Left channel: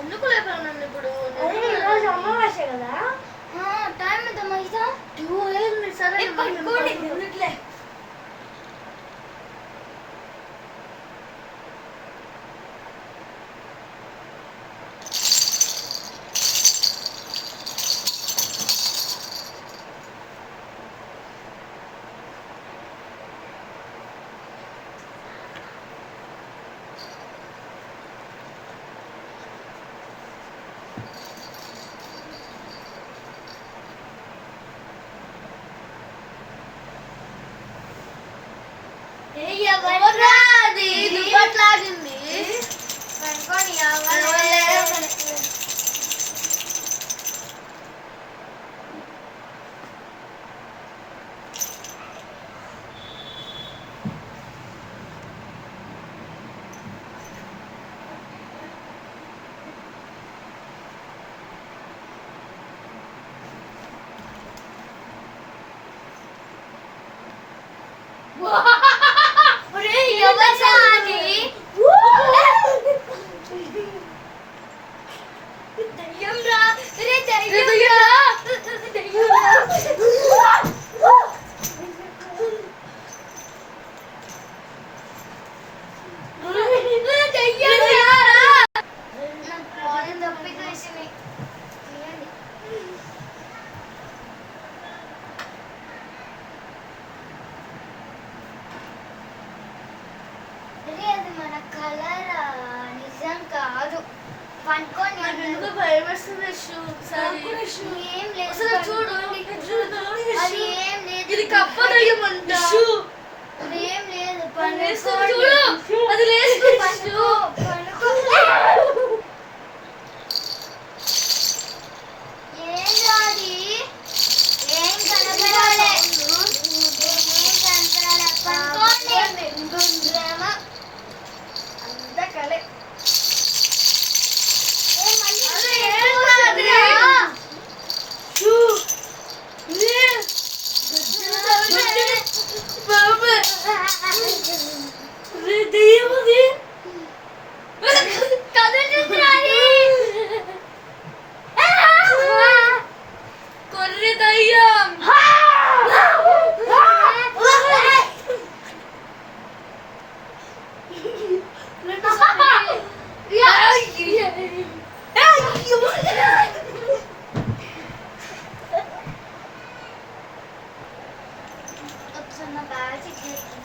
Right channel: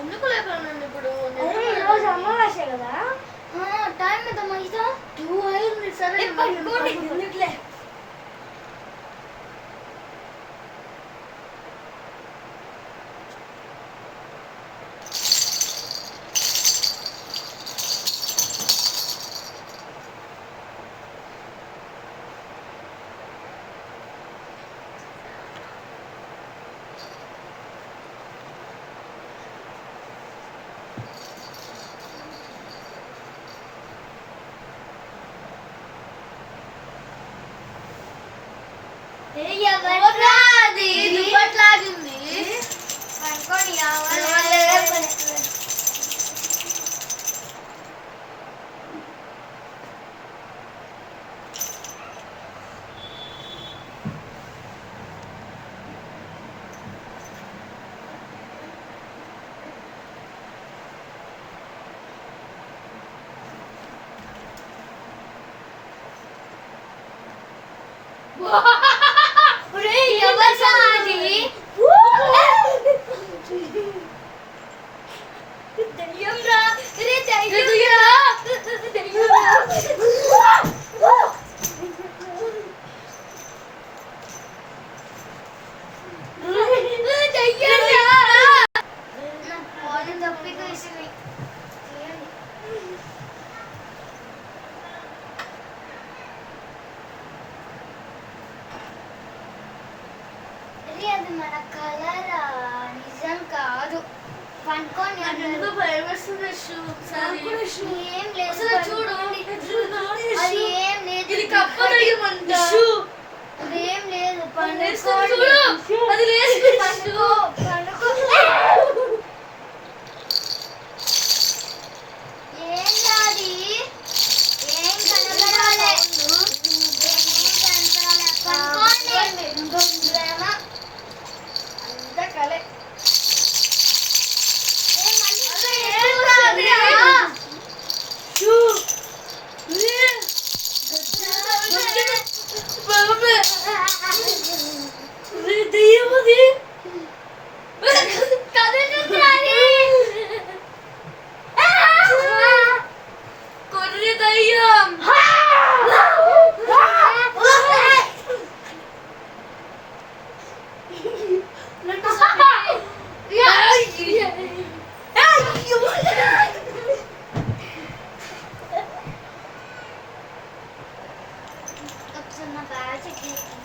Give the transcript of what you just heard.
ఎందుకు లేపావు నన్ను ఇప్పుడు? ఈరోజు అమావాస్య కదా, టైం ఎంత మైసా? 2 అయింది. సరే పడుకోండి ఎందుకులే. ఎవరాది దుప్పట్లాగింది పడుకొని అది మన కలర్ నిజం కాదు. పండుకొని భయం వేస్తుంది. ఏం లేదు, చూడు అది ఏం లేదు, ఇది కప్పదయ్యమంట. అది ఏం లేదు, పండుకోండి. అది పండుకో పండుకో. ఏం రాది, ఏం కనపడాలి, ఏం కనపడాలి. పండుకోండి. అంతా కలే. కొర్రి దయ్యం. ఒకసారి నా బ్యాగ్ చెక్ చేయండి.